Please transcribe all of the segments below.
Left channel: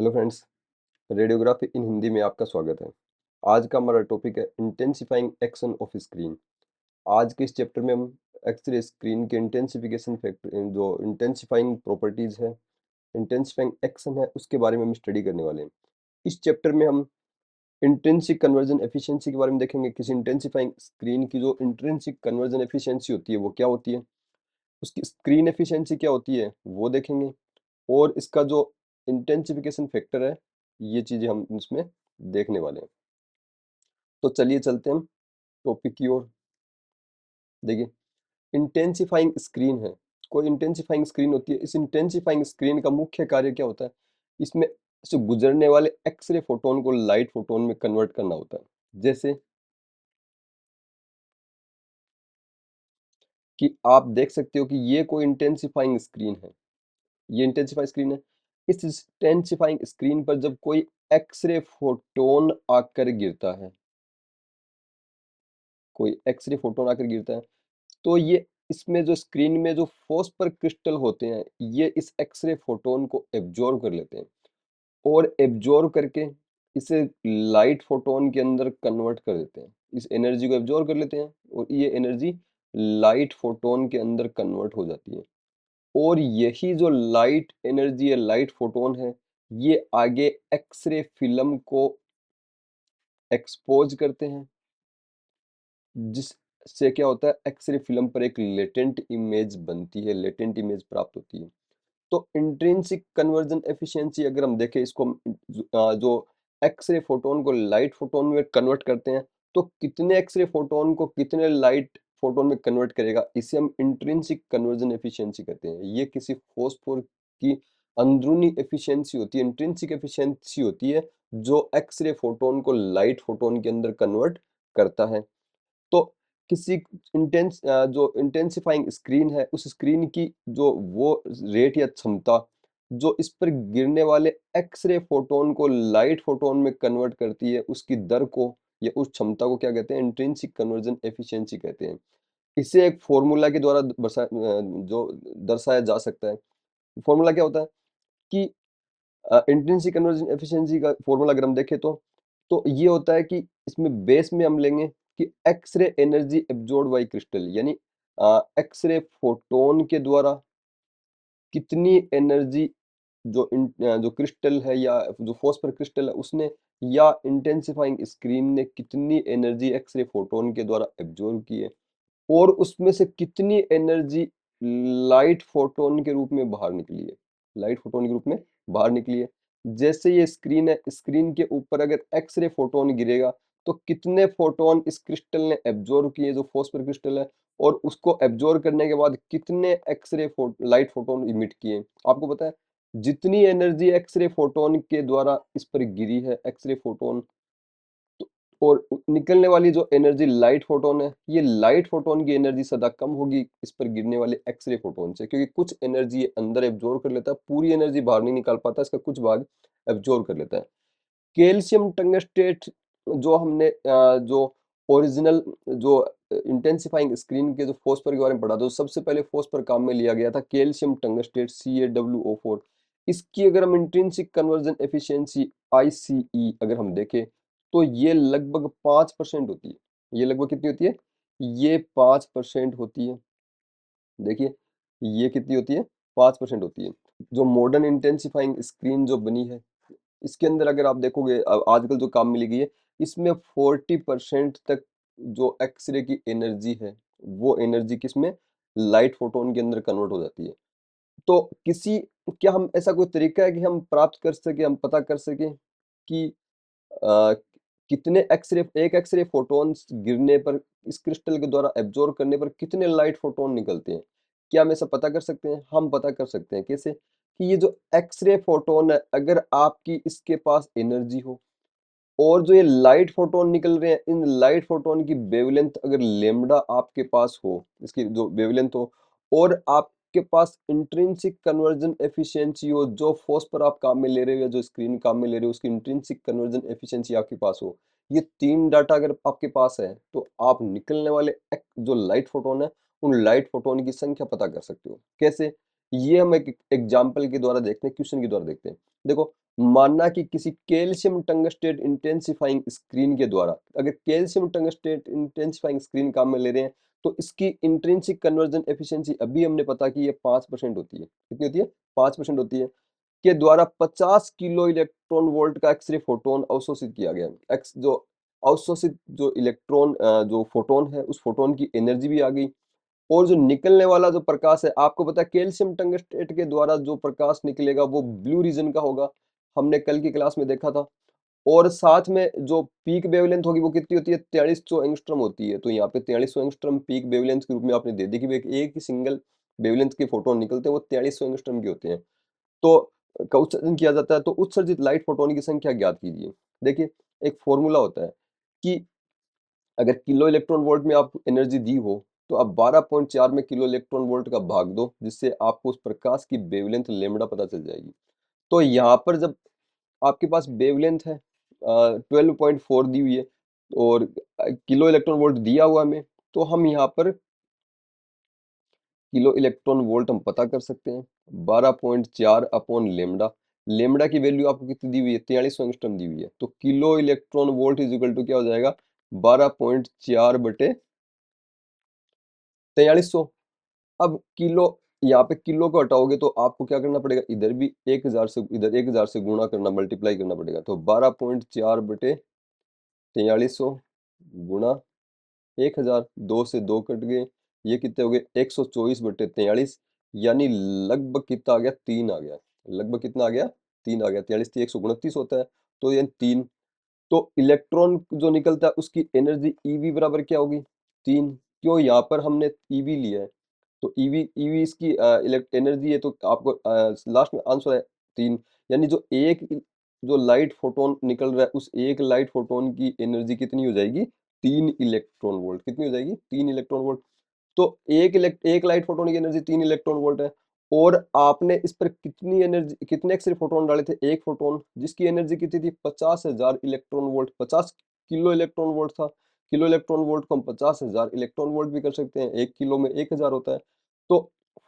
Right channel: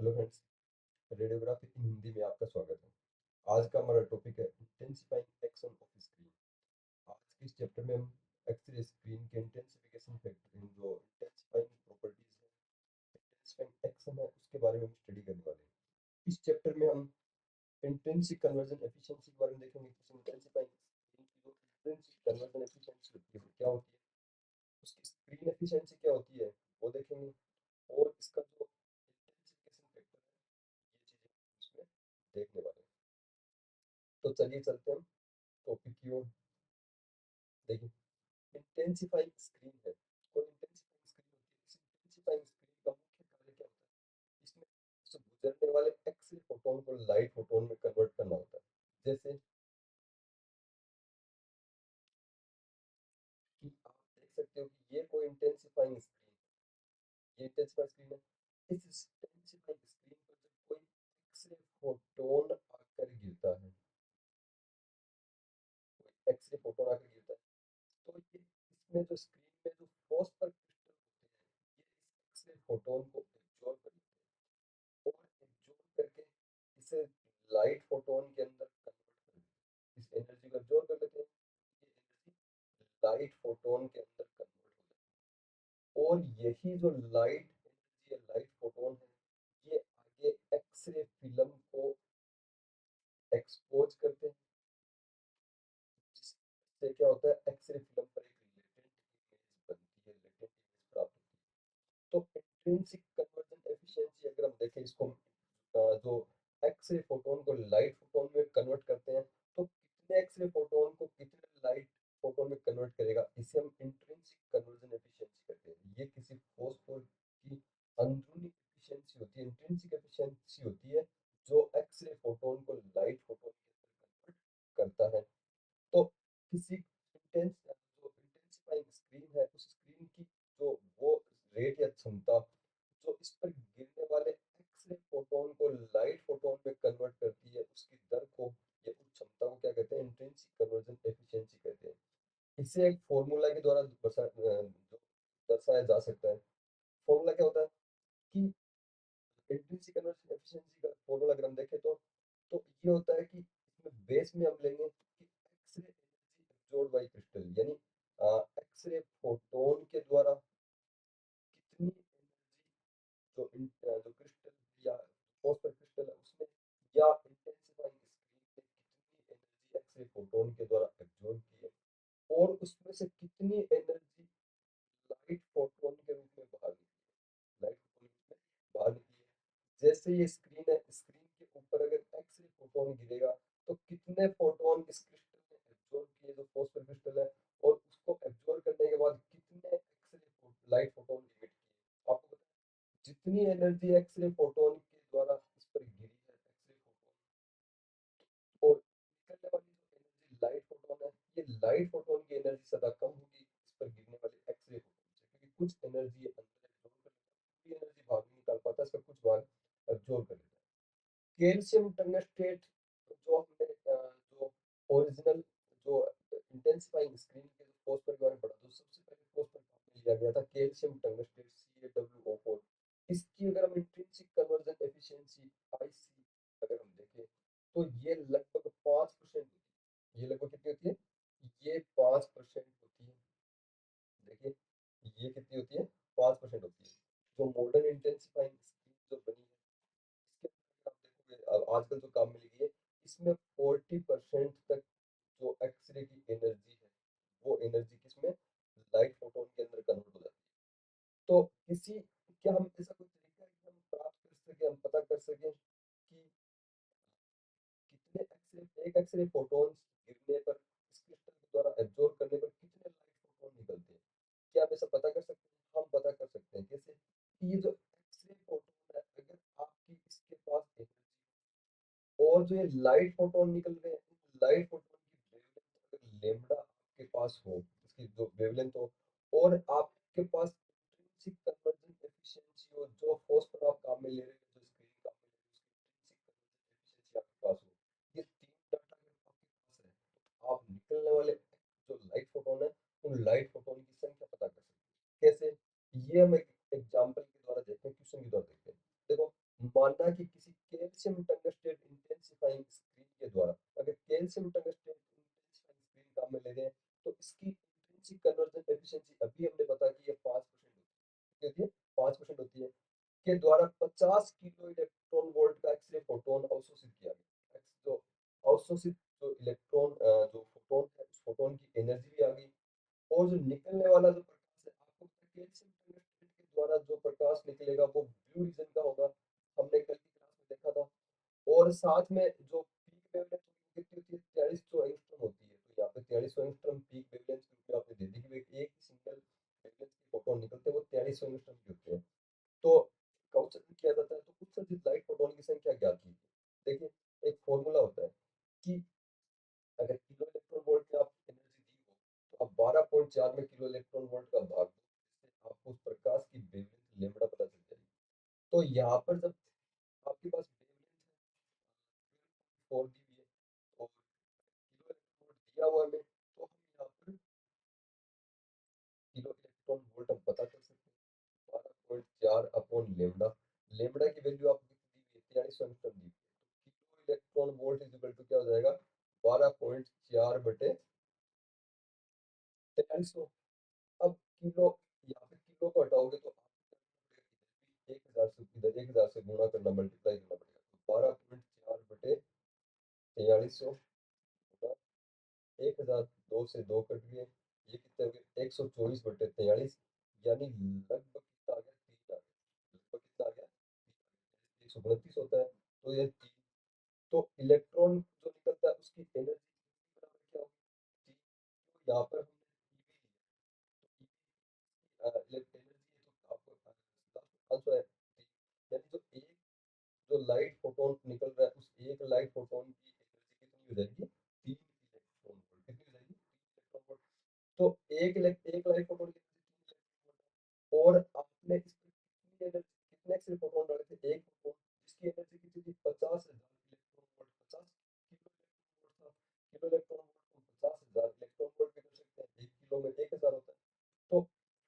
Hello friends, radiography इन हिंदी में आपका स्वागत है। आज का हमारा टॉपिक है इंटेंसिफाइंग एक्शन ऑफ स्क्रीन। आज के इस चैप्टर में हम एक्सरे स्क्रीन के इंटेंसिफिकेशन फैक्टर जो इंटेंसिफाइंग प्रॉपर्टीज है, इंटेंसिफाइंग एक्शन है, उसके बारे में हम स्टडी करने वाले हैं। इस चैप्टर में हम इंट्रिंसिक कन्वर्जन एफिशिएंसी के बारे में देखेंगे। किसी इंटेंसिफाइंग स्क्रीन की जो इंट्रिंसिक कन्वर्जन एफिशिएंसी होती है वो क्या होती है, उसकी स्क्रीन एफिशिएंसी क्या होती है वो देखेंगे, और इसका जो इंटेंसिफिकेशन फैक्टर है, ये चीजें हम इसमें देखने वाले हैं। तो चलिए चलते हैं हम टॉपिक की ओर। देखिए, इंटेंसिफाइंग स्क्रीन है, कोई इंटेंसिफाइंग स्क्रीन होती है। इस इंटेंसिफाइंग स्क्रीन का मुख्य कार्य क्या होता है, इसमें से गुजरने वाले एक्सरे फोटोन को लाइट फोटोन में कन्वर्ट करना होता है। जैसे कि आप देख सकते हो कि ये कोई इंटेंसिफाइंग स्क्रीन है, ये इंटेंसिफाइंग स्क्रीन है। इस इंटेंसिफाइंग स्क्रीन पर जब कोई एक्सरे फोटोन आकर गिरता है, कोई एक्सरे फोटोन आकर गिरता है, तो ये इसमें जो स्क्रीन में जो फॉस्फर क्रिस्टल होते हैं, ये इस एक्सरे फोटोन को एब्जॉर्ब कर लेते हैं, और एब्जॉर्ब करके इसे लाइट फोटोन के अंदर कन्वर्ट कर देते हैं। इस एनर्जी को एब्जॉर्ब कर लेते हैं और ये एनर्जी लाइट फोटोन के अंदर कन्वर्ट हो जाती है। और यही जो लाइट एनर्जी है, लाइट फोटोन है, ये आगे एक्सरे फिल्म को एक्सपोज करते हैं, जिससे क्या होता है, एक्सरे फिल्म पर एक लेटेंट इमेज बनती है, लेटेंट इमेज प्राप्त होती है। तो इंट्रिंसिक कन्वर्जन एफिशिएंसी अगर हम देखें, इसको जो एक्सरे फोटोन को लाइट फोटोन में कन्वर्ट करते हैं, तो कितने एक्सरे फोटोन को कितने लाइट फोटोन में कन्वर्ट करेगा, इसे हम इंट्रिंसिक कन्वर्जन एफिशिएंसी कहते हैं। ये किसी फॉस्फोर की अंदरूनी एफिशिएंसी होती है, इंट्रिंसिक एफिशिएंसी होती है, जो एक्सरे फोटोन को लाइट फोटोन के अंदर कन्वर्ट करता है। तो किसी जो इंटेंसिफाइंग स्क्रीन है, उस स्क्रीन की जो वो रेट या क्षमता जो इस पर गिरने वाले एक्सरे फोटोन को लाइट फोटोन में कन्वर्ट करती है, उसकी दर को या उस क्षमता को क्या कहते हैं, इंट्रिंसिक कन्वर्जन एफिशिएंसी कहते हैं। इसे एक फॉर्मूला के द्वारा जो दर्शाया जा सकता है। फॉर्मूला क्या होता है कि इंट्रिंसिक कन्वर्जन एफिशिएंसी का फॉर्मूला अगर हम देखें तो ये होता है कि इसमें बेस में हम लेंगे कि X-ray energy absorb by crystal, यानी एक्सरे फोटोन के द्वारा कितनी एनर्जी जो क्रिस्टल है या जो फॉस्फर क्रिस्टल है उसने, या इंटेंसिफाइंग स्क्रीन ने कितनी एनर्जी एक्सरे फोटोन के द्वारा एब्जॉर्ब की है, और उसमें से कितनी एनर्जी लाइट फोटोन के रूप में बाहर निकली है, लाइट फोटोन के रूप में बाहर निकली है। जैसे ये स्क्रीन है, स्क्रीन के ऊपर अगर एक्सरे फोटोन गिरेगा, तो कितने फोटोन इस क्रिस्टल ने एब्जॉर्ब किए, जो फॉस्फर क्रिस्टल है, और उसको एब्जॉर्ब करने के बाद कितने लाइट फोटोन इमिट किए। आपको पता है, जितनी एनर्जी एक्सरे फोटोन के द्वारा इस पर गिरी है, एक्सरे फोटोन, तो और निकलने वाली जो एनर्जी लाइट फोटोन है, ये लाइट फोटोन की एनर्जी सदा कम होगी इस पर गिरने वाले एक्सरे फोटोन से, क्योंकि कुछ एनर्जी ये अंदर एब्जॉर्ब कर लेता है, पूरी एनर्जी बाहर नहीं निकाल पाता, इसका कुछ भाग एब्जॉर्ब कर लेता है। कैल्शियम टंगस्टेट जो हमने जो ओरिजिनल जो इंटेंसिफाइंग स्क्रीन के जो फॉस्फर के बारे में पढ़ा था, तो सबसे पहले फॉस्फर काम में लिया गया था, कैल्शियम टंगस्टेट CaWO4। इसकी अगर हम इंट्रिंसिक कन्वर्जन एफिशिएंसी ICE अगर हम देखें, तो ये लगभग 5% होती है। ये लगभग कितनी होती है, ये 5% होती है। देखिए, ये कितनी होती है, 5% होती है। जो मॉडर्न इंटेंसिफाइंग स्क्रीन जो बनी है, इसके अंदर अगर आप देखोगे, आजकल जो काम मिली गई है, इसमें 40% तक जो एक्सरे की एनर्जी है, वो एनर्जी किसमें, लाइट फोटोन के अंदर कन्वर्ट हो जाती है। तो किसी क्या हम ऐसा कोई तरीका है कि हम प्राप्त कर सके, हम पता कर सके कि अ, कितने एक्सरे, एक एक्सरे फोटॉन्स गिरने पर, इस क्रिस्टल के द्वारा एब्जॉर्ब करने पर कितने लाइट फोटोन निकलते हैं? क्या हम ऐसा पता कर सकते हैं? हम पता कर सकते हैं। कैसे? कि ये जो एक्सरे फोटोन है, अगर आपकी इसके पास एनर्जी हो, और जो ये लाइट फोटोन निकल रहे हैं, इन लाइट फोटोन की वेवलेंथ अगर लैम्बडा आपके पास हो, इसकी जो वेवलेंथ हो, और आपके पास इंट्रिंसिक कन्वर्जन एफिशिएंसी हो, जो फॉस्फर आप काम में ले रहे हो या जो स्क्रीन काम में ले रहे हो, उसकी इंट्रिंसिक कन्वर्जन एफिशिएंसी आपके पास हो, ये तीन डाटा अगर आपके पास है, तो आप निकलने वाले जो लाइट फोटोन है, उन लाइट फोटोन की संख्या पता कर सकते हो। कैसे? ये हम एक एग्जाम्पल के द्वारा देखते हैं, क्वेश्चन के द्वारा देखते हैं। देखो, मानना कि किसी कैल्शियम टंगस्टेट इंटेंसिफाइंग स्क्रीन के द्वारा, अगर कैल्शियम टंगस्टेट इंटेंसिफाइंग स्क्रीन काम में ले रहे हैं, तो इसकी इंट्रिंसिक कन्वर्जन एफिशिएंसी अभी हमने पता की ये 5% होती है। कितनी होती है? 5% होती है। के द्वारा 50 किलो इलेक्ट्रॉन वोल्ट का एक्स-रे फोटोन अवशोषित किया गया। एक्स जो अवशोषित जो इलेक्ट्रॉन जो फोटोन है, उस फोटोन की एनर्जी भी आ गई। और जो निकलने वाला जो प्रकाश है, आपको पता है कैल्शियम टंगस्टेट के द्वारा जो प्रकाश निकलेगा वो ब्लू रीजन का होगा। हमने कल की क्लास में देखा था। और साथ में जो पीक वेवलेंथ होगी वो कितनी होती है? 4300 एंगस्ट्रॉम होती है। तो यहाँ पे 4300 एंगस्ट्रॉम पीक वेवलेंथ के रूप में आपने दे दी कि एक ही सिंगल वेवलेंथ के फोटोन निकलते हैं, वो 4300 एंगस्ट्रॉम के होते हैं। तो का उत्सर्जन किया जाता है, तो उत्सर्जित लाइट फोटोन की संख्या ज्ञात कीजिए। देखिए, एक फॉर्मूला होता है कि अगर किलो इलेक्ट्रॉन वोल्ट में आप एनर्जी दी हो, तो आप 12.4 में किलो इलेक्ट्रॉन वोल्ट का भाग दो, जिससे आपको उस प्रकाश की वेवलेंथ लैम्ब्डा पता चल जाएगी। तो यहाँ पर जब आपके पास वेवलेंथ है 12.4 दी हुई है और किलो इलेक्ट्रॉन वोल्ट दिया हुआ हमें, तो हम यहाँ पर किलो इलेक्ट्रॉन वोल्ट हम पता कर सकते हैं 12.4 अपॉन लेमडा। लेमडा की वैल्यू आपको कितनी दी हुई है? 4300 एंगस्ट्रॉम दी हुई है। तो kilo electron volt is equal to क्या हो जाएगा? 12.4 बटे 4300। अब किलो, यहाँ पे किलो को हटाओगे तो आपको क्या करना पड़ेगा? इधर भी 1000 से, इधर 1000 से गुणा करना, मल्टीप्लाई करना पड़ेगा। तो 12.4 बटे 4300 गुणा 1000, 2 से 2 कट गए, ये कितने हो गए? 124 बटे 43, यानी लगभग कितना आ गया? 3 आ गया। लगभग कितना आ गया? 3 आ गया। 43 थी, 129 होता है, तो ये 3। तो इलेक्ट्रॉन जो निकलता है उसकी एनर्जी ईवी बराबर क्या होगी? 3। क्यों? यहाँ पर हमने ईवी लिया है, तो ईवी ईवी इसकी एनर्जी है, तो आपको लास्ट में आंसर है 3। यानी जो लाइट फोटोन निकल रहा है, उस एक लाइट फोटोन की एनर्जी कितनी हो जाएगी? 3 इलेक्ट्रॉन वोल्ट। कितनी हो जाएगी? 3 इलेक्ट्रॉन वोल्ट। तो एक लाइट फोटोन की एनर्जी 3 इलेक्ट्रॉन वोल्ट है। और आपने इस पर कितनी एनर्जी, कितने एक्स-रे फोटोन डाले थे? एक फोटोन, जिसकी एनर्जी कितनी थी? 50,000 electron volt. 50 kilo electron volt था। किलो इलेक्ट्रॉन वोल्ट को हम 50,000 इलेक्ट्रॉन वोल्ट भी कर सकते हैं। 1 किलो में 1000 होता है। तो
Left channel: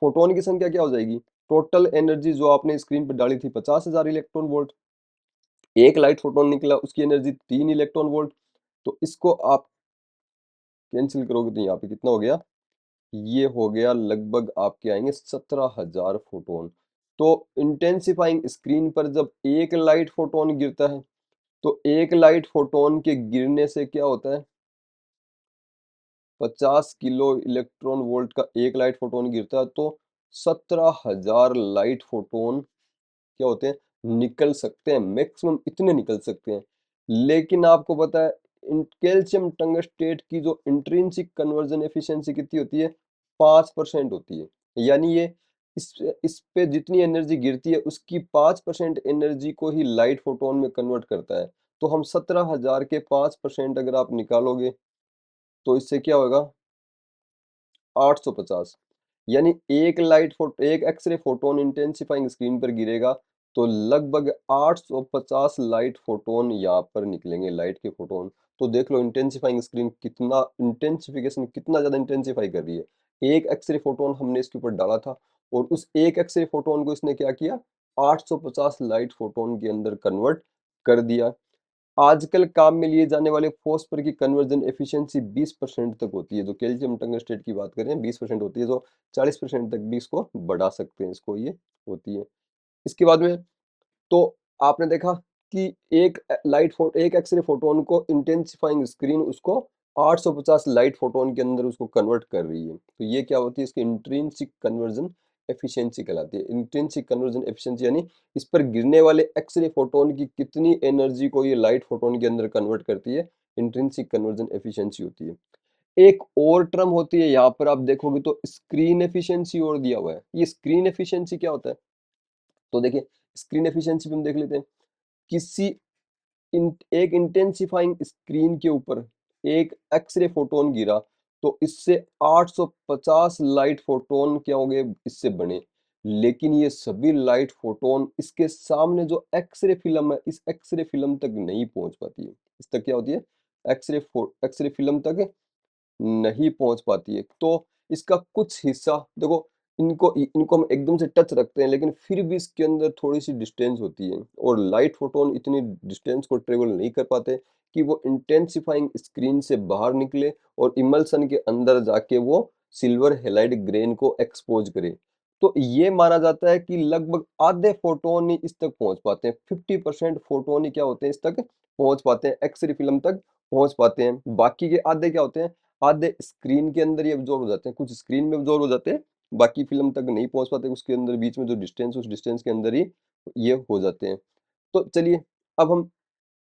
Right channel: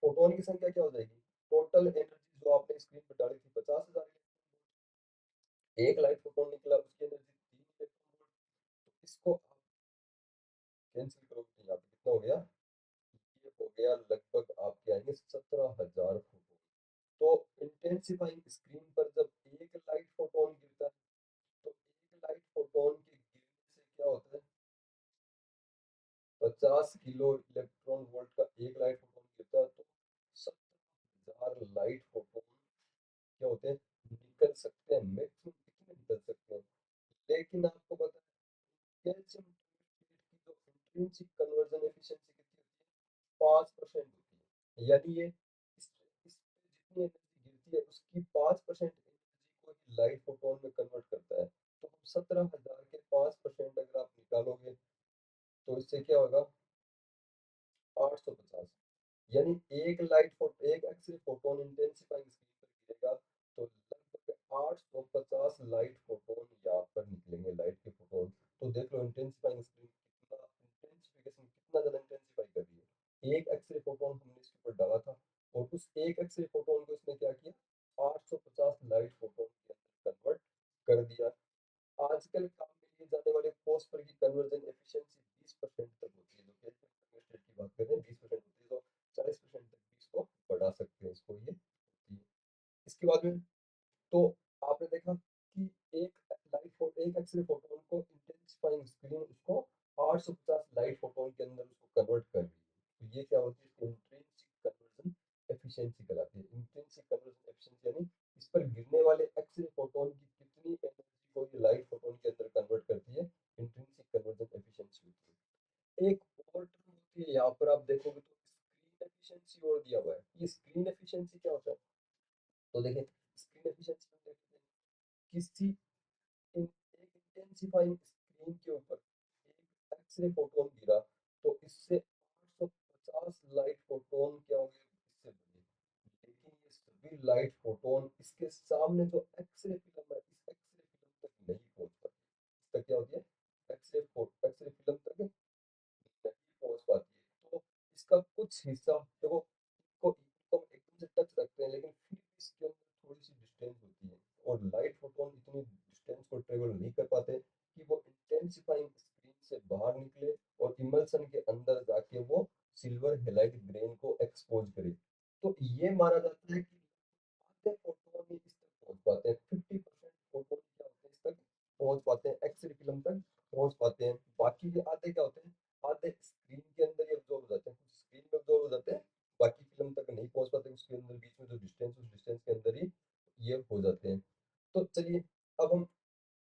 फोटोन की संख्या क्या हो जाएगी? टोटल एनर्जी जो आपने स्क्रीन पर डाली थी 50,000 इलेक्ट्रॉन वोल्ट। एक लाइट फोटोन निकला, उसकी एनर्जी 3 इलेक्ट्रॉन वोल्ट। तो इसको आप कैंसिल करोगे तो यहाँ पे कितना हो गया? ये हो गया लगभग आपके आएंगे 17,000 फोटोन। तो इंटेंसिफाइंग स्क्रीन पर जब एक लाइट फोटोन गिरता है, तो एक लाइट फोटोन के गिरने से क्या होता है? 50 किलो इलेक्ट्रॉन वोल्ट का एक लाइट फोटोन गिरता है, तो 17,000 लाइट फोटोन क्या होते हैं? निकल सकते हैं। मैक्सिमम इतने निकल सकते हैं। लेकिन आपको पता है कैल्शियम टंगस्टेट की जो इंट्रिंसिक कन्वर्जन एफिशिएंसी कितनी होती है? 5% होती है। यानी ये इस पे जितनी एनर्जी गिरती है उसकी 5% एनर्जी को ही लाइट फोटोन में कन्वर्ट करता है। तो हम 17,000 के 5% अगर आप निकालोगे, तो इससे क्या होगा? 850। यानी एक एक्सरे फोटोन इंटेंसिफाइंग स्क्रीन पर गिरेगा, तो लगभग 850 लाइट फोटोन यहाँ पर निकलेंगे, लाइट के फोटोन। तो देख लो इंटेंसिफाइंग स्क्रीन कितना इंटेंसिफिकेशन, कितना ज्यादा इंटेंसिफाई कर रही है। एक एक्सरे फोटोन हमने इसके ऊपर डाला था, और उस एक एक्सरे फोटोन को इसने क्या किया? 850 लाइट फोटोन के अंदर कन्वर्ट कर दिया। आजकल काम में लिए जाने वाले फॉस्फर की कन्वर्जन एफिशिएंसी 20% तक होती है। जो कैल्शियम टंगस्टेट की बात करें 20% होती है, जो 40% तक भी इसको बढ़ा सकते हैं, इसको ये होती है। इसके बाद में, तो आपने देखा कि एक एक्सरे फोटोन को इंटेंसिफाइंग स्क्रीन उसको 850 लाइट फोटोन के अंदर उसको कन्वर्ट कर रही है। तो ये क्या होती है? इसकी इंट्रिंसिक कन्वर्जन एफिशिएंसी कहलाती है। इंट्रिंसिक कन्वर्जन एफिशिएंसी यानी इस पर गिरने वाले एक्सरे फोटोन की कितनी एनर्जी को ये लाइट फोटोन के अंदर कन्वर्ट करती है, इंट्रिंसिक कन्वर्जन एफिशिएंसी होती है। एक और टर्म होती है, यहाँ पर आप देखोगे तो स्क्रीन एफिशिएंसी और दिया हुआ है। ये स्क्रीन एफिशिएंसी क्या होता है? तो देखिए, स्क्रीन एफिशिएंसी भी हम देख लेते हैं। किसी एक इंटेंसिफाइंग स्क्रीन के ऊपर एक एक्सरे फोटोन गिरा, तो इससे 850 लाइट फोटोन क्या हो गए? इससे बने। लेकिन ये सभी लाइट फोटोन इसके सामने जो एक्सरे फिल्म है, इस एक्सरे फिल्म तक नहीं पहुंच पाती है। इस तक क्या होती है? एक्सरे फिल्म तक नहीं पहुंच पाती है। तो इसका कुछ हिस्सा देखो, इनको हम एकदम से टच रखते हैं, लेकिन फिर भी इसके अंदर थोड़ी-सी डिस्टेंस होती है और लाइट फोटॉन इतनी डिस्टेंस को ट्रैवल नहीं कर पाते कि वो इंटेंसिफाइंग स्क्रीन से बाहर निकले और इमल्सन के अंदर जाके वो सिल्वर हैलाइड ग्रेन को एक्सपोज करे। तो ये माना जाता है कि लगभग आधे फोटोन ही इस तक पहुंच पाते हैं, 50% फोटोन ही क्या होते हैं इस तक पहुंच पाते हैं, एक्सरे फिल्म तक पहुंच पाते हैं। बाकी के आधे क्या होते हैं, आधे स्क्रीन के अंदर ही एब्जॉर्ब हो जाते हैं, कुछ स्क्रीन में एब्जॉर्ब हो जाते हैं, बाकी फिल्म तक नहीं पहुंच पाते, उसके अंदर बीच में जो डिस्टेंस, उस डिस्टेंस के अंदर ही ये हो जाते हैं। तो चलिए, अब हम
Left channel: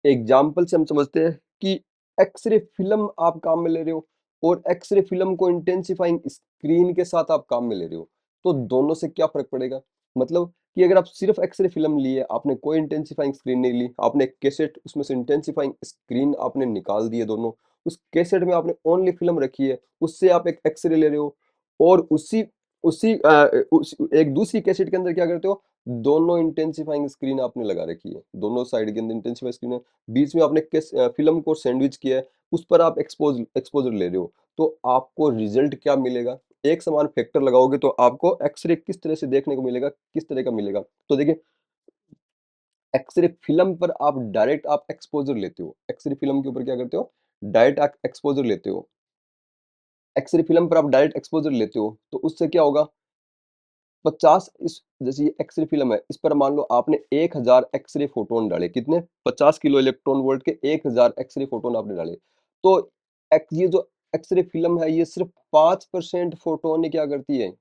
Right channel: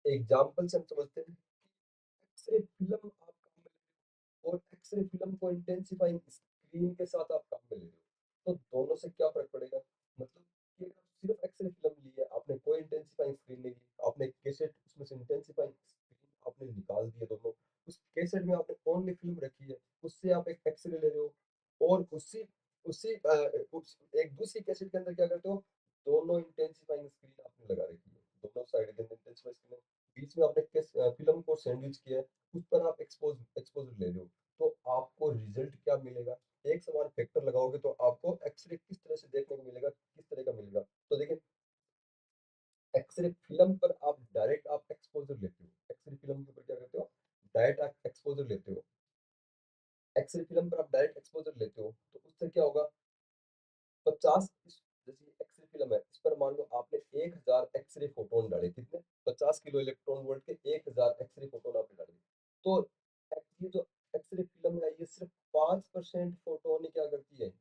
एग्जाम्पल से हम समझते हैं कि एक्सरे फिल्म आप काम में ले रहे हो और एक्सरे फिल्म को इंटेंसिफाइंग स्क्रीन के साथ आप काम में ले रहे हो, तो दोनों से क्या फर्क पड़ेगा। मतलब कि अगर आप सिर्फ एक्सरे फिल्म लिए, आपने कोई इंटेंसिफाइंग स्क्रीन नहीं ली, आपने कैसेट उसमें से इंटेंसिफाइंग स्क्रीन आपने निकाल दिए दोनों, उस कैसेट में आपने ओनली फिल्म रखी है, उससे आप एक एक्सरे ले रहे हो और उसी उसी एक दूसरी कैसेट के अंदर क्या करते हो, दोनों इंटेंसिफाइंग स्क्रीन आपने लगा रखी है, दोनों साइड के अंदर इंटेंसिफाइंग स्क्रीन है, बीच में आपने फ़िल्म को सैंडविच किया है, उस पर आप एक्सपोज़र ले रहे हो, तो आपको रिज़ल्ट क्या मिलेगा? एक समान फैक्टर लगाओगे तो आपको एक्स-रे किस तरह से देखने को मिलेगा, किस तरह का मिलेगा? तो देखिए, एक्स-रे फ़िल्म पर आप डायरेक्ट आप एक्सपोज़र लेते हो, एक्स-रे फ़िल्म के ऊपर क्या करते हो? डायरेक्ट आप एक्सपोज़र लेते हो। एक्स-रे फ़िल्म पर आप डायरेक्ट एक्सपोज़र लेते हो, तो उससे क्या होगा, 50 इस जैसे ये एक्स-रे फ़िल्म है, इस पर मान लो आपने 1000 एक्स-रे फ़ोटॉन डाले, कितने? 50 किलो इलेक्ट्रॉन वोल्ट के 1000 एक्स-रे फ़ोटॉन आपने डाले। तो ये जो एक्स-रे फ़िल्म है, ये सिर्फ़ 5% फ़ोटॉन ही क्या करती है?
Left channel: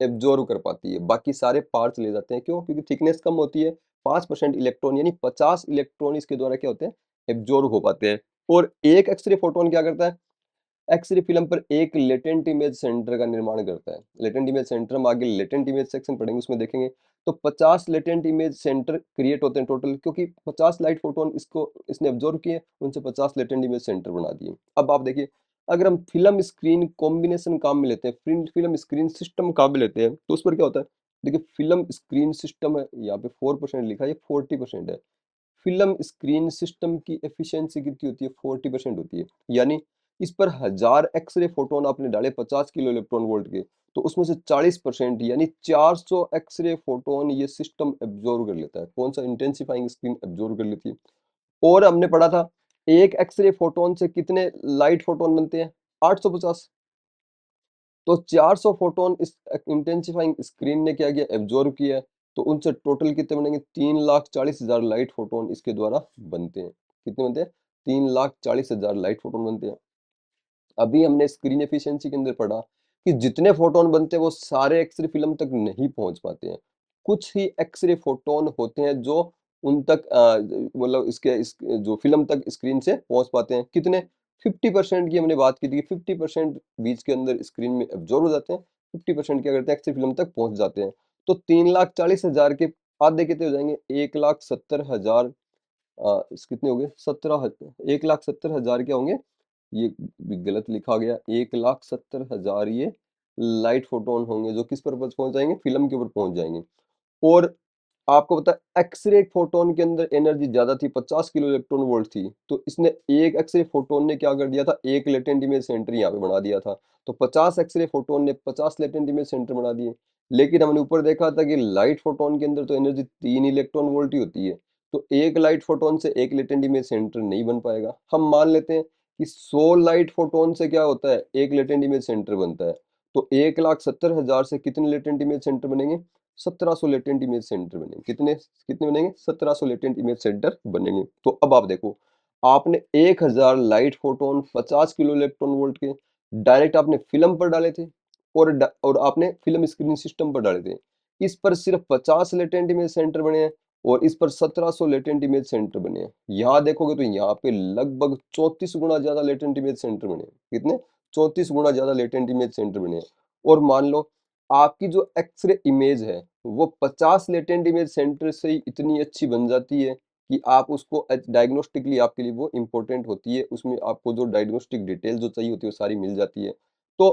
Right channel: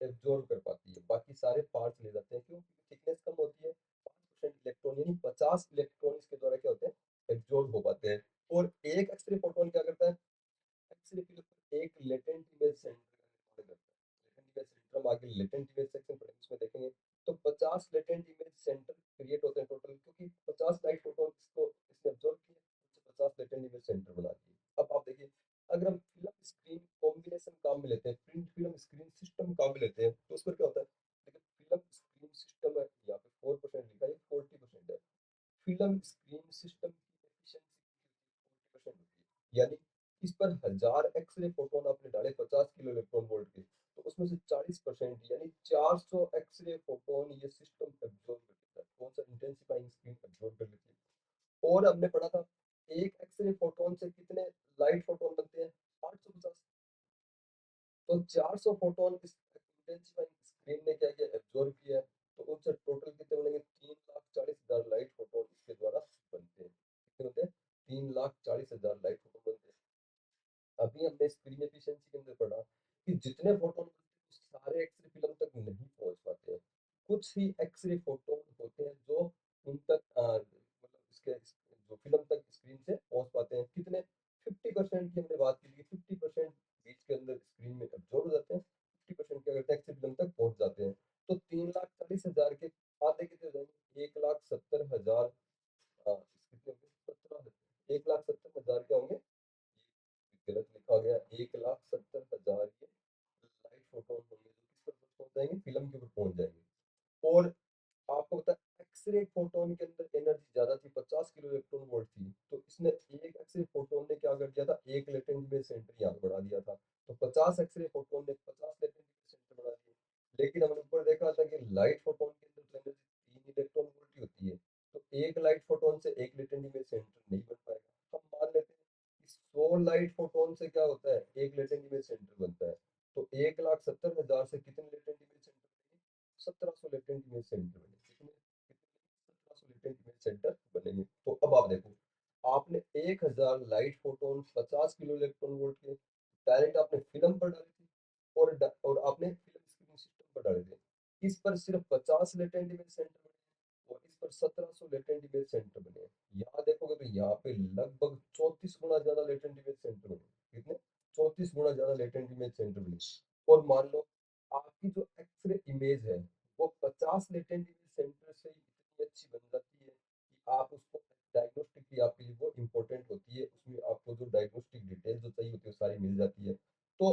एब्ज़ॉर्ब कर पाती है, बाकी सारे पार्ट्स ले जाते हैं, क्यों? क्योंकि थिकनेस कम होती है, 5% इलेक्ट्रॉन यानी 50 इलेक्ट्रॉन इसके द्वारा क्या होते हैं? एब्ज़ॉर्ब हो पाते हैं और एक एक्स-रे फ़ोटॉन क्या करता है? एक्स-रे फ़िल्म पर एक लेटेंट इमेज सेंटर का निर्माण करता है। लेटेंट इमेज सेंटर हम आगे लेटेंट इमेज सेक्शन पढ़ेंगे, उसमें देखेंगे। तो 50 लेटेंट इमेज सेंटर क्रिएट होते हैं टोटल, क्योंकि 50 लाइट फोटॉन इसको इसने ऑब्जर्व किए, उनसे 50 लेटेंट इमेज सेंटर बना दिए। अब आप देखिए, अगर हम फ़िल्म स्क्रीन कॉम्बिनेशन काम में लेते हैं, फ़िल्म स्क्रीन सिस्टम काम में लेते हैं, तो उस पर क्या होता है? देखिए, फ़िल्म स्क्रीन सिस्टम है, यहाँ पे 4% लिखा है, ये 40% है। फ़िल्म स्क्रीन सिस्टम की एफिशिएंसी कितनी होती है? 40% होती है। यानी इस पर 1000 एक्स-रे फोटॉन आपने डाले 50 किलो इलेक्ट्रॉन वोल्ट के, तो उसमें से 40% यानी 400 एक्स-रे फोटॉन ये सिस्टम एब्ज़ॉर्ब कर लेता है। कौन-सा? इंटेंसिफाइंग स्क्रीन एब्ज़ॉर्ब कर लेती है। और हमने पढ़ा था, एक एक्स-रे फोटॉन से कितने लाइट फोटॉन बनते हैं? 850। तो 400 फोटॉन इस इंटेंसिफाइंग स्क्रीन ने क्या किया? एब्ज़ॉर्ब किया है। तो उनसे टोटल कितने बनेंगे? 3,40,000 लाइट फोटॉन इसके द्वारा बनते हैं। कितने बनते हैं? 3,40,000 लाइट फोटॉन बनते हैं। अभी हमने स्क्रीन एफिशिएंसी के अंदर पढ़ा कि जितने फोटॉन बनते हैं वो सारे एक्स-रे फ़िल्म तक नहीं पहुँच पाते हैं। कुछ ही एक्स-रे फोटॉन होते हैं जो उन तक मतलब इसके इस जो फ़िल्म तक स्क्रीन से पहुँच पाते हैं। कितने? 50% की हमने बात की थी, 50% बीच के अंदर स्क्रीन में एब्ज़ॉर्ब हो जाते हैं, 50% क्या करते हैं? एक्स-रे फ़िल्म तक पहुँच जाते हैं। तो 3,40,000 के आधे कितने हो जाएँगे? 1,70,000 कितने हो गए? 1,70,000 क्या होंगे? ये गलत लिखा गया, 1,70,000 ये लाइट फोटॉन होंगे जो किस पर पहुंच जाएंगे? फिल्म के ऊपर पहुंच जाएंगे। और आपको पता है, एक्स-रे फोटॉन के अंदर एनर्जी ज्यादा थी, 50 किलो इलेक्ट्रॉन वोल्ट थी, तो इसने एक एक्स-रे फोटॉन ने क्या कर दिया था? एक लेटेंट इमेज सेंटर यहाँ पे बना दिया था। तो 50 एक्स-रे फोटॉन ने 50 लेटेंट इमेज सेंटर बना दिए। लेकिन हमने ऊपर देखा था कि लाइट फोटॉन के अंदर तो एनर्जी 3 इलेक्ट्रॉन वोल्ट ही होती है, तो एक लाइट फोटॉन से एक लेटेंट इमेज सेंटर नहीं बन पाएगा। हम मान लेते हैं कि 100 लाइट फोटॉन से क्या होता है? एक लेटेंट इमेज सेंटर बनता है। तो 1,70,000 से कितने लेटेंट इमेज सेंटर बनेंगे? 1700 लेटेंट इमेज सेंटर बनेंगे। कितने कितने बनेंगे? 1700 लेटेंट इमेज सेंटर बनेंगे। तो अब आप देखो, आपने 1000 light photon 50 kilo electron volt के डायरेक्ट आपने फिल्म पर डाले थे और आपने फिल्म स्क्रीन सिस्टम पर डाले थे। इस पर सिर्फ 50 लेटेंट इमेज सेंटर बने हैं और इस पर 1700 लेटेंट इमेज सेंटर बने हैं। यहाँ देखोगे तो यहाँ पे लगभग 34 गुना ज्यादा लेटेंट इमेज सेंटर बने हैं। कितने? 34 गुना ज्यादा लेटेंट इमेज सेंटर बने हैं। और मान लो, आपकी जो एक्स-रे इमेज है, वो 50 लेटेंट इमेज सेंटर से ही इतनी अच्छी बन जाती है कि आप उसको डायग्नोस्टिकली आपके लिए वो इम्पोर्टेंट होती है। उसमें आपको जो डायग्नोस्टिक डिटेल जो चाहिए होती है, वो सारी मिल जाती है। तो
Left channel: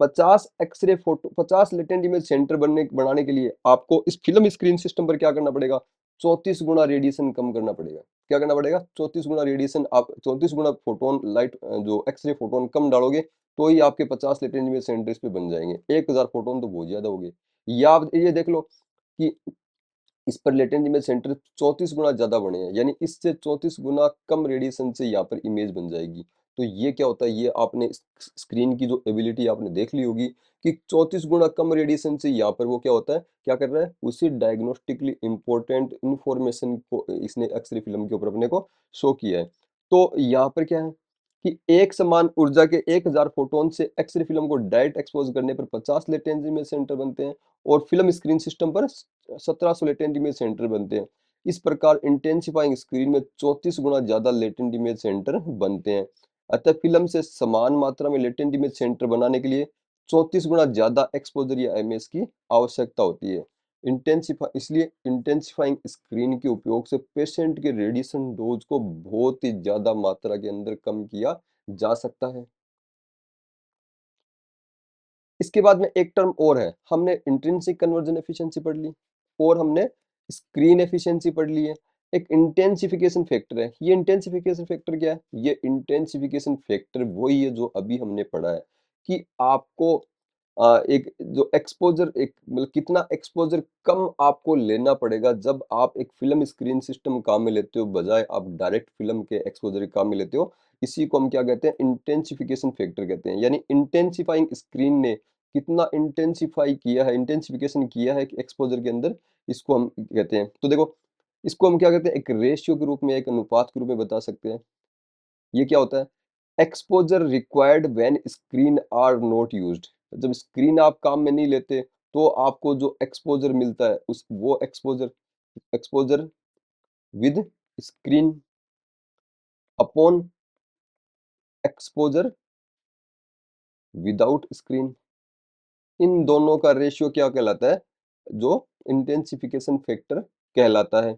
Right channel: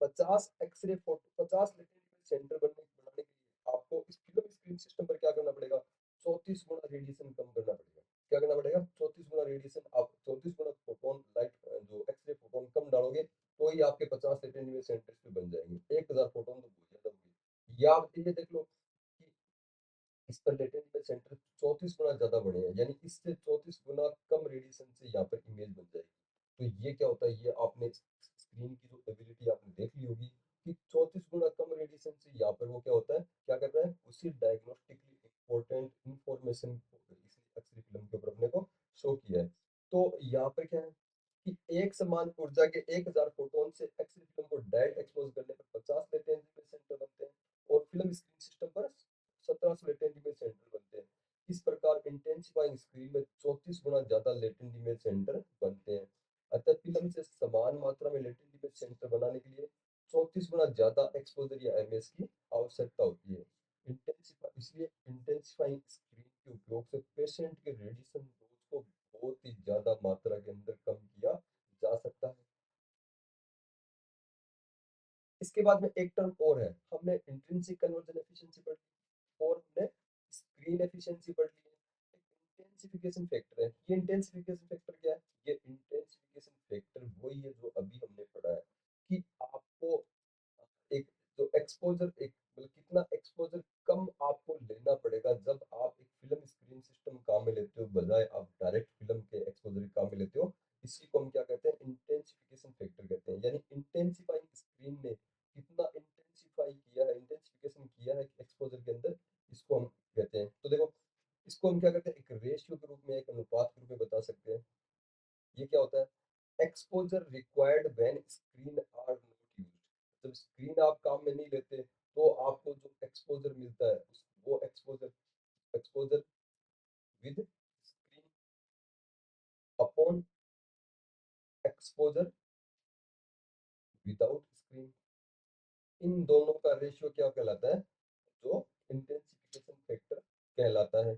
50 X-ray photo 50 latent image centre बनाने के लिए आपको इस फिल्म स्क्रीन सिस्टम पर क्या करना पड़ेगा? 34 गुना रेडिएशन कम करना पड़ेगा। क्या करना पड़ेगा, 34 गुना रेडिएशन, आप 34 गुना फोटोन लाइट जो एक्सरे फोटोन कम डालोगे, तो ही आपके 50 लेटेंट इमेज सेंटर इस पे बन जाएंगे। 1000 फोटोन तो बहुत ज्यादा हो गए। या आप ये देख लो कि इस पर लेटेंट इमेज सेंटर 34 गुना ज्यादा बने हैं, यानी इससे 34 गुना कम रेडिएशन से यहाँ पर इमेज बन जाएगी। तो ये क्या होता है, ये आपने स्क्रीन की जो एबिलिटी आपने देख ली होगी कि 34 गुना कम रेडिएशन से यहाँ पर वो क्या होता है, क्या कर रहा है, उसी डायग्नोस्टिकली इंपॉर्टेंट इंफॉर्मेशन को इसने एक्सरे फिल्म के ऊपर अपने को शो किया है। तो यहाँ पर क्या है कि एक समान ऊर्जा के 1000 फोटोन से एक्सरे फिल्म को डायरेक्ट एक्सपोज करने पर 50 लेटेंट इमेज सेंटर बनते हैं, और फिल्म स्क्रीन सिस्टम पर 1700 लेटेंट इमेज सेंटर बनते हैं। इस प्रकार इंटेंसिफाइंग स्क्रीन में 34 गुना ज्यादा लेटेंट इमेज सेंटर बनते हैं। अतः फिल्म से समान मात्रा में लेटेंट इमेज सेंटर बनाने के लिए 34 गुना ज्यादा एक्सपोजर या एमएस की आवश्यकता होती है। इसलिए इंटेंसिफाइंग स्क्रीन के उपयोग से पेशेंट के रेडिएशन डोज को बहुत ही ज्यादा मात्रा के अंदर कम किया जा सकता है। इसके बाद में एक टर्म और है, हमने इंट्रिंसिक कन्वर्जन एफिशिएंसी पढ़ ली, और हमने स्क्रीन एफिशिएंसी पढ़ ली है। एक इंटेंसिफिकेशन फैक्टर है। ये इंटेंसिफिकेशन फैक्टर क्या है, ये इंटेंसिफिकेशन फैक्टर वही है जो अभी हमने पढ़ा है कि आपको एक जो एक्सपोजर, एक मतलब कितना एक्सपोजर कम आपको लेना पड़ेगा जब आप एक फिल्म स्क्रीन सिस्टम काम में लेते हो, बजाय आप डायरेक्ट फिल्म के एक्सपोजर काम में लेते हो। इसी को हम क्या कहते हैं, इंटेंसिफिकेशन फैक्टर कहते हैं। यानी इंटेंसिफाइंग स्क्रीन ने कितना इंटेंसिफाई किया है, इंटेंसिफिकेशन किया है एक्सपोजर के अंदर, इसको हम कहते हैं। तो देखो, इसको हम क्या कहते हैं, एक रेशियो के रूप में, एक अनुपात के रूप में बता सकते हैं। ये क्या होता है, exposure required when screen are not used. जब स्क्रीन आप काम में नहीं लेते, तो आपको जो एक्सपोजर मिलता है, उस वो exposure, exposure with screen upon exposure without screen, इन दोनों का रेशियो क्या कहलाता है, जो इंटेंसिफिकेशन फैक्टर कहलाता है।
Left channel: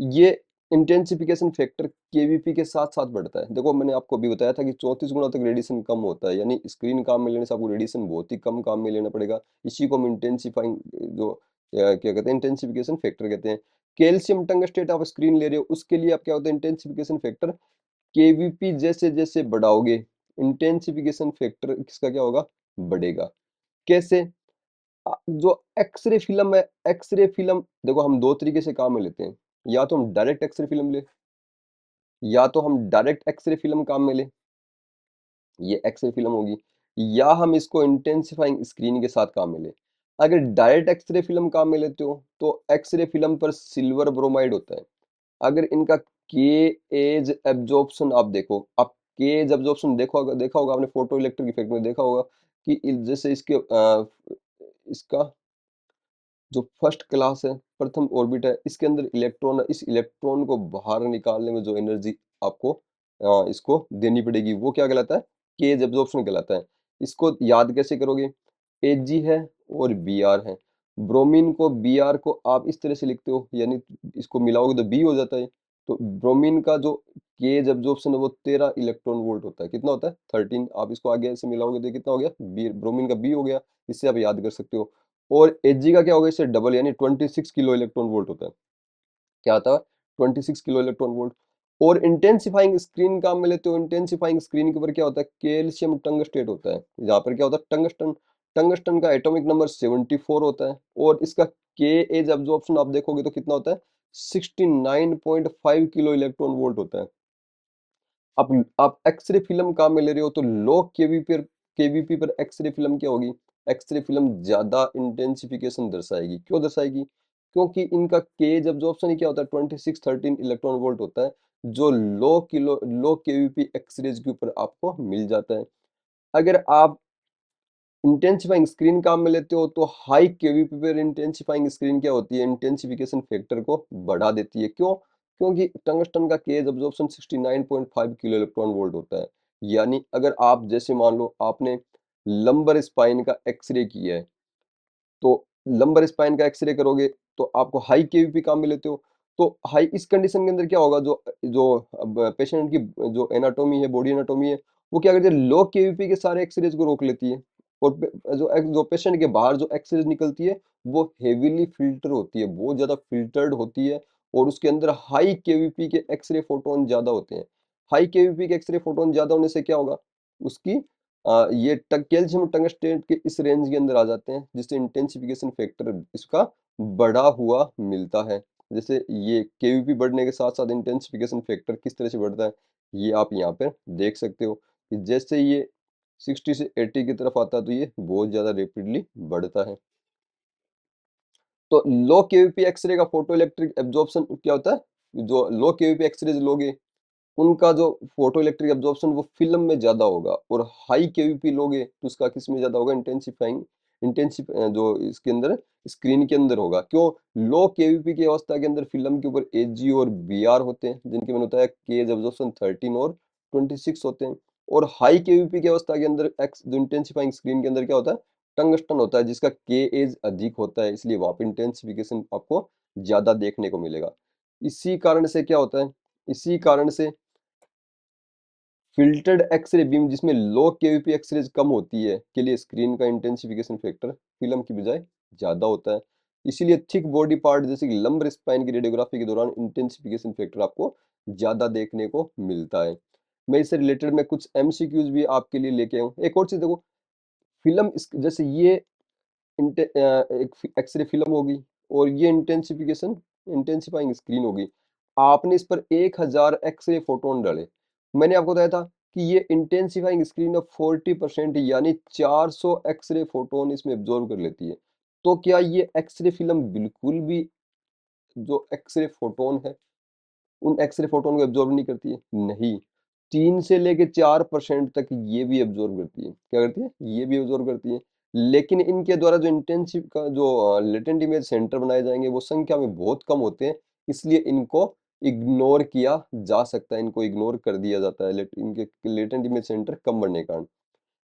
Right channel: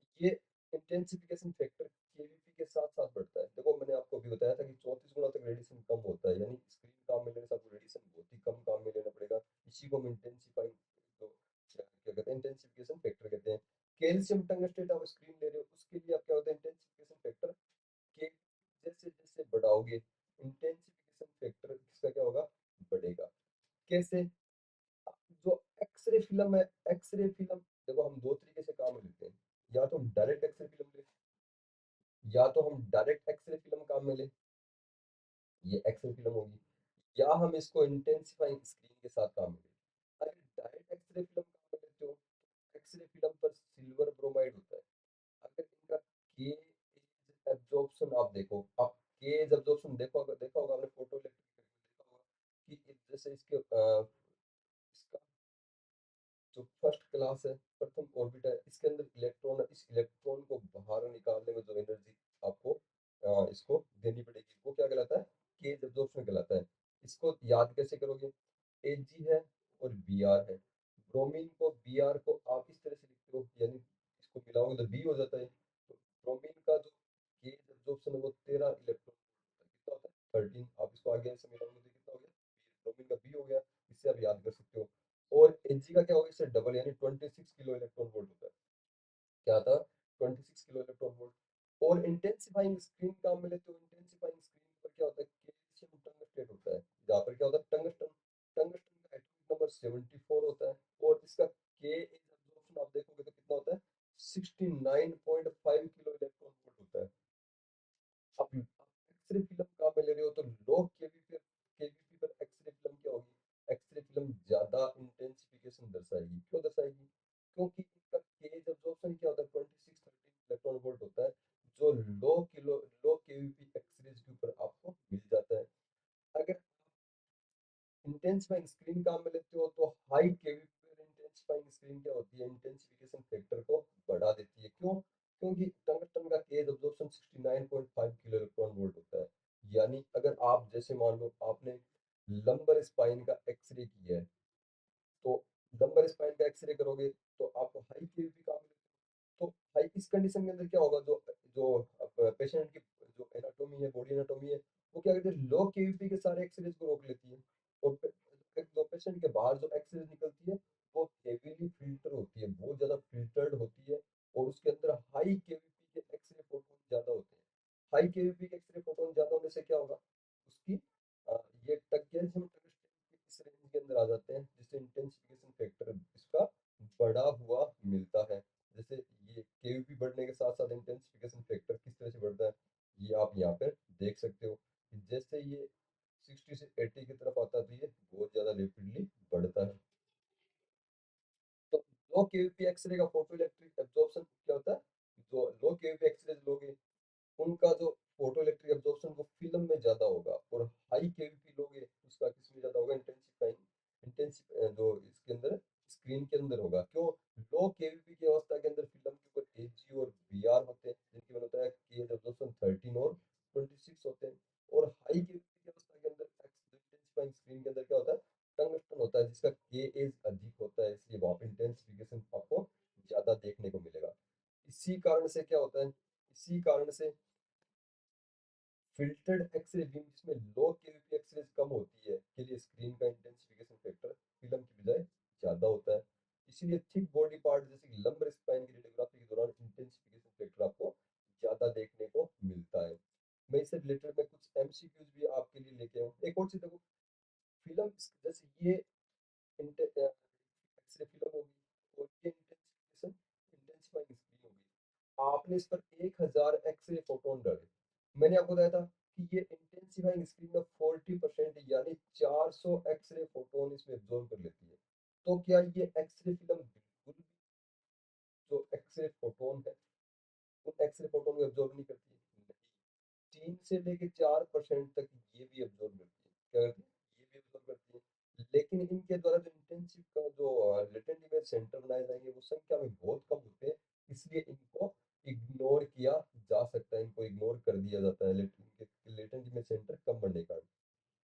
ये इंटेंसिफिकेशन फैक्टर केवीपी के साथ साथ बढ़ता है। देखो, मैंने आपको अभी बताया था कि 34 गुना तक रेडिएशन कम होता है, यानी स्क्रीन काम में लेने से आपको रेडिएशन बहुत ही कम काम में लेना पड़ेगा। इसी को हम इंटेंसिफाइंग जो क्या कहते हैं, इंटेंसिफिकेशन फैक्टर कहते हैं। कैल्शियम टंगस्टेट आप स्क्रीन ले रहे हो, उसके लिए आप क्या होता है, इंटेंसिफिकेशन फैक्टर केवीपी जैसे जैसे बढ़ाओगे, इंटेंसिफिकेशन फैक्टर किसका क्या होगा, बढ़ेगा। कैसे, जो एक्सरे फिल्म है, एक्सरे फिल्म देखो हम दो तरीके से काम में लेते हैं। या तो हम डायरेक्ट एक्सरे फिल्म ले, या तो हम डायरेक्ट एक्सरे फिल्म काम में ले, ये एक्सरे फिल्म होगी। या हम इसको इंटेंसिफाइंग स्क्रीन के साथ काम में ले। अगर डायरेक्ट एक्सरे फिल्म काम में लेते हो, तो एक्सरे फिल्म पर सिल्वर ब्रोमाइड होता है। अगर इनका के एज एब्जॉर्प्शन आप देखो, आप के एज एब्जॉर्प्शन देखा होगा आपने, फोटो इलेक्ट्रिक इफेक्ट में देखा होगा कि जैसे इसके इसका जो फर्स्ट क्लास है, प्रथम ऑर्बिट है, इसके अंदर इलेक्ट्रॉन है, इस इलेक्ट्रॉन को बाहर निकालने में जो एनर्जी आपको इसको देनी पड़ेगी, वो क्या कहलाता है, केज एब्जॉर्प्शन कहलाता है। इसको याद कैसे करोगे, एजी है और बी आर है। ब्रोमीन को, बी आर को आप इस तरह से लिखते हो, यानी इसको मिलाओगे तो बी हो जाता है। तो ब्रोमीन का जो केज एब्जॉर्प्शन है वो 13 इलेक्ट्रॉन वोल्ट होता है। कितना होता है, 13। आप इसको आगे ऐसे मिलाओगे तो कितना हो गया, बी, ब्रोमीन का बी हो गया। इससे आप याद कर सकते हो। और एच का क्या होगा, इससे डबल, यानी 26 किलो इलेक्ट्रॉन वोल्ट होता है। क्या आता है, 26 किलो इलेक्ट्रॉन वोल्ट। और इंटेंसिफाइंग स्क्रीन काम में लेते हो, इंटेंसिफाइंग स्क्रीन के ऊपर क्या होता है, कैल्शियम टंगस्टेट होता है। यहाँ पर क्या होता है, टंगस्टन। टंगस्टन का एटॉमिक नंबर 74 होता है, और इसका के एज एब्जॉर्प्शन आप देखोगे तो कितना होता है, 69.5 किलो इलेक्ट्रॉन वोल्ट होता है। आप आप एक्सरे फिल्म काम में ले रहे हो, तो लो केवीपी पर एक्सरे फिल्म क्या होगी, एक्सरे फिल्म ज्यादा इंटेंसिफिकेशन दर्शाएगी। क्यों दर्शाएगी, क्योंकि इनका केज एब्जॉर्प्शन ही क्या होता है, 2613 इलेक्ट्रॉन वोल्ट होता है, जो लो केवीपी एक्सरेज के ऊपर आपको मिल जाता है। अगर आप इंटेंसिफाइंग स्क्रीन काम में लेते हो, तो हाई केवीपी पर इंटेंसिफाइंग स्क्रीन क्या होती है, इंटेंसिफिकेशन फैक्टर को बढ़ा देती है। क्यों, क्योंकि टंगस्टन का K edge absorption 69.5 kilo electron volt होता है। यानी अगर आप जैसे मान लो आपने लंबर स्पाइन का एक्सरे किया है, तो लंबर स्पाइन का एक्सरे करोगे, तो आपको हाई केवीपी काम में लेते हो। तो हाई इस कंडीशन के अंदर क्या होगा, जो जो अब पेशेंट की जो एनाटॉमी है, बॉडी एनाटॉमी है, वो क्या करती है, लो केवीपी के सारे एक्सरेज को रोक लेती है। और जो पेशेंट के बाहर जो एक्सरेज निकलती है, वो हेवीली फिल्टर होती है, बहुत ज्यादा फिल्टर्ड होती है। और उसके अंदर हाई केवीपी के एक्सरे फोटोन ज़्यादा होते हैं। हाई केवीपी के एक्सरे फोटोन ज़्यादा होने से क्या होगा, उसकी ये कैल्शियम टंगस्टेट के इस रेंज के अंदर आ जाते हैं, जिससे इंटेंसिफिकेशन फैक्टर इसका बढ़ा हुआ मिलता है। जैसे ये केवीपी बढ़ने के साथ साथ इंटेंसिफिकेशन फैक्टर किस तरह से बढ़ता है, ये आप यहाँ पर देख सकते हो कि जैसे ये 60 से 80 की तरफ आता है तो ये बहुत ज़्यादा रैपिडली बढ़ता है। तो लो केवीपी एक्सरे का फोटो इलेक्ट्रिक एब्जॉर्प्शन क्या होता है, जो लो केवीपी एक्सरेज लोगे उनका जो फोटो इलेक्ट्रिक एब्जॉर्प्शन वो फिल्म में ज्यादा होगा, और हाई केवीपी लोगे तो उसका किस में ज्यादा होगा, इंटेंसिफ जो इसके अंदर स्क्रीन के अंदर होगा। क्यों, लो केवीपी की अवस्था के अंदर फिल्म के ऊपर एजी और बीआर होते हैं, जिनके मैंने बताया केज एब्जॉर्प्शन 13 और 26 होते हैं। और हाई केवीपी की अवस्था के अंदर एक्स जो इंटेंसिफाइंग स्क्रीन के अंदर क्या होता है, टंगस्टन होता है, जिसका के एज अधिक होता है, इसलिए वहां पे इंटेंसिफिकेशन आपको ज्यादा देखने को मिलेगा। इसी कारण से क्या होता है, इसी कारण से फ़िल्टर्ड एक्स-रे बीम जिसमें लो केवीपी एक्स-रेज़ कम होती है, के लिए स्क्रीन का इंटेंसिफिकेशन फैक्टर फ़िल्म की बजाय ज़्यादा होता है। इसीलिए थिक बॉडी पार्ट जैसे कि लंबर स्पाइन की रेडियोग्राफी के दौरान इंटेंसिफिकेशन फैक्टर आपको ज़्यादा देखने को मिलता है। मैं इससे रिलेटेड मैं कुछ एमसीक्यूज़ भी आपके लिए लेके आया हूँ। एक और चीज़ देखो, फ़िल्म इस जैसे ये एक एक्स-रे फ़िल्म होगी और ये इंटेंसिफाइंग स्क्रीन होगी। आपने इस पर 1000 एक्स-रे फोटोन डाले। मैंने आपको बताया था कि ये इंटेंसिफाइंग स्क्रीन ऑफ 40% यानी 400 एक्स-रे फोटोन इसमें एब्ज़ॉर्ब कर लेती है। तो क्या ये एक्स-रे फ़िल्म बिल्कुल भी जो एक्स-रे फोटोन है उन एक्स-रे फोटोन को एब्ज़ॉर्ब नहीं करती है? नहीं, 3 से लेके 4% तक ये भी एब्ज़ॉर्ब करती है। क्या करती है? ये भी एब्ज़ॉर्ब करती है। लेकिन इनके द्वारा जो इंटेंसिव का जो लेटेंट इमेज सेंटर बनाए जाएँगे वो संख्या में बहुत कम होते हैं, इसलिए इनको इग्नोर किया जा सकता है, इनको इग्नोर कर दिया जाता है इनके लेटेंट इमेज सेंटर कम बनने के कारण।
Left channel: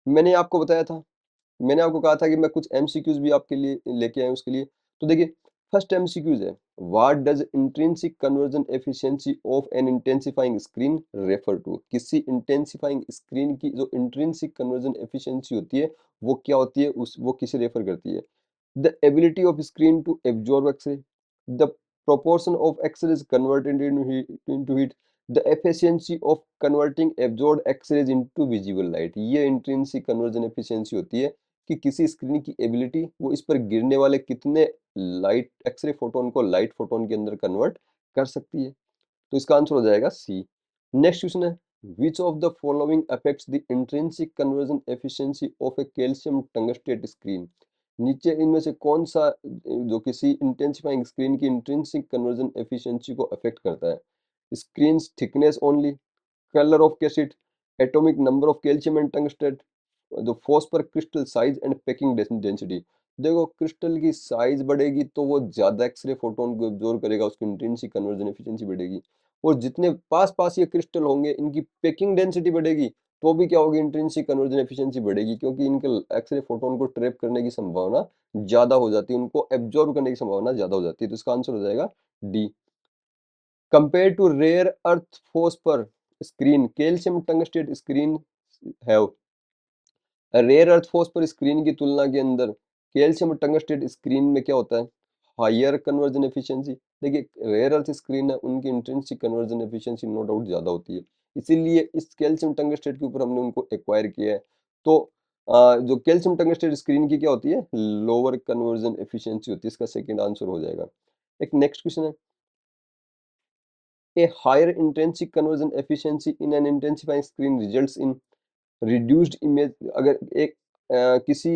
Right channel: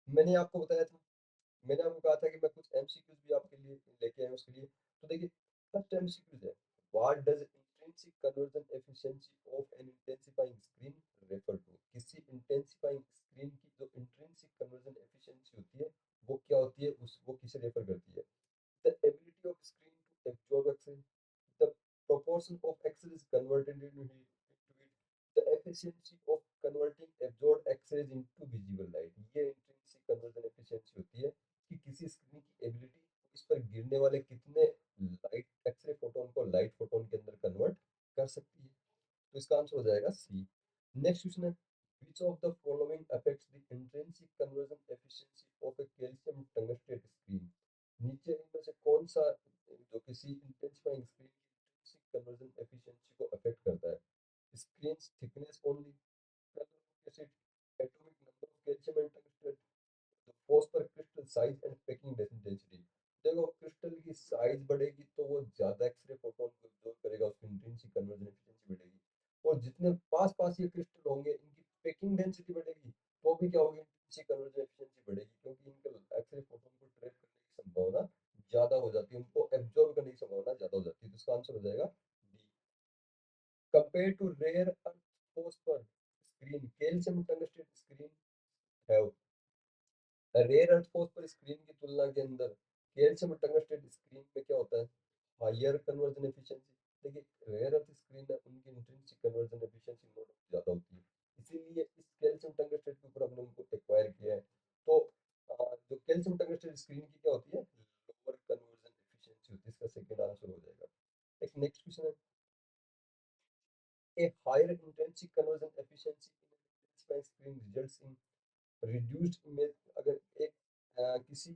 मैंने आपको बताया था, मैंने आपको कहा था कि मैं कुछ एमसीक्यूज़ भी आपके लिए लेके आया हूँ उसके लिए। तो देखिए, फर्स्ट एमसीक्यूज़ है, what does intrinsic conversion efficiency of an intensifying screen refer to? किसी इंटेंसिफाइंग स्क्रीन की जो इंट्रिंसिक कन्वर्जन एफिशिएंसी होती है, वो क्या होती है, उस वो किसे रेफर करती है? The ability of screen to absorb X-ray, the proportion of X-rays converted into heat, the efficiency of converting absorbed X-rays into visible light। ये इंट्रिंसिक कन्वर्जन एफिशिएंसी होती है कि किसी स्क्रीन की एबिलिटी वो इस पर गिरने वाले कितने लाइट एक्सरे फोटोन को लाइट फोटोन के अंदर कन्वर्ट कर सकती है। तो इसका आंसर हो जाएगा सी। नेक्स्ट क्वेश्चन है, which of the following affects the intrinsic conversion efficiency of a calcium tungstate screen? नीचे इनमें से कौन सा जो किसी इंटेंसिफाइंग स्क्रीन की इंट्रिंसिक कन्वर्जन एफिशिएंसी को अफेक्ट करता है? Screen thickness only, colour of cassette, atomic number of calcium and tungstate, जो phosphor crystal size and packing density. देखो, क्रिस्टल की साइज बढ़ेगी तो वो ज्यादा एक्सरे फोटोन को एब्जॉर्ब करेगा, उसकी इंटेंसिक कन्वर्जन एफिशिएंसी बढ़ेगी। और जितने पास पास ये क्रिस्टल होंगे इनकी पैकिंग डेंसिटी बढ़ेगी, तो भी क्या होगी, इंट्रिंसिक कन्वर्जन एफिशिएंसी बढ़ेगी, क्योंकि इनके एक्सरे फोटोन को ट्रैप करने की संभावना ज्यादा हो जाती है, उनको एब्जॉर्ब करने की संभावना ज्यादा हो जाती है। तो इसका आंसर हो जाएगा D. Compare to rare earth phosphor screen, calcium tungstate screen have, rare earth phosphor screen की तुलना के अंदर कैल्शियम टंगस्टेट स्क्रीन में क्या होता है, हायर कन्वर्जन एफिशिएंसी। देखिए, रेयर अर्थ स्क्रीन है उनकी intrinsic conversion efficiency no doubt ज़्यादा होती है, इसीलिए इस कैल्शियम टंगस्टेट के ऊपर हमने उनको एक्वायर किया है। तो जो कैल्शियम टंगस्टेट स्क्रीन की क्या होती है, लोअर कन्वर्जन एफिशिएंसी होती है, इसका सेकंड आंसर हो जाएगा। एक नेक्स्ट क्वेश्चन है, a higher intrinsic conversion efficiency in an intensifying screen results in reduced image. अगर एक किसी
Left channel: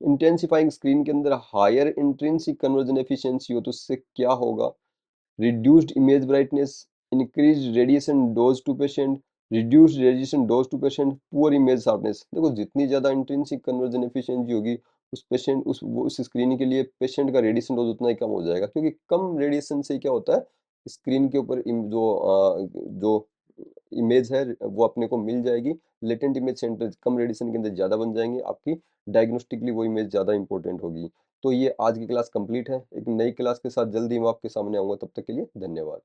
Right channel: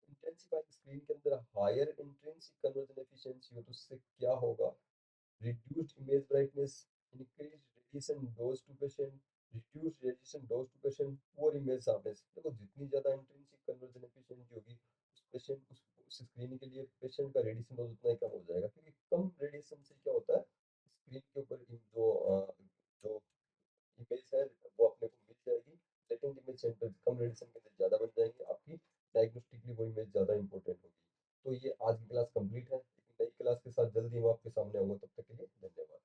इंटेंसिफाइंग स्क्रीन के अंदर हायर इंट्रिंसिक कन्वर्जन एफिशिएंसी हो तो उससे क्या होगा, reduced image brightness, increased radiation dose to patient, reduced radiation dose to patient, poor image sharpness। देखो, जितनी ज़्यादा इंट्रिंसिक कन्वर्जन एफिशिएंसी होगी उस पेशेंट उस स्क्रीन के लिए पेशेंट का रेडिएशन डोज उतना ही कम हो जाएगा, क्योंकि कम रेडिएशन से क्या होता है, स्क्रीन के ऊपर जो इमेज है वो अपने को मिल जाएगी, लेटेंट इमेज सेंटर कम रेडिएशन के अंदर ज़्यादा बन जाएंगे, आपकी डायग्नोस्टिकली वो इमेज ज़्यादा इंपॉर्टेंट होगी। तो ये आज की क्लास कंप्लीट है, एक नई क्लास के साथ जल्दी मैं आपके सामने आऊँगा, तब तक के लिए धन्यवाद।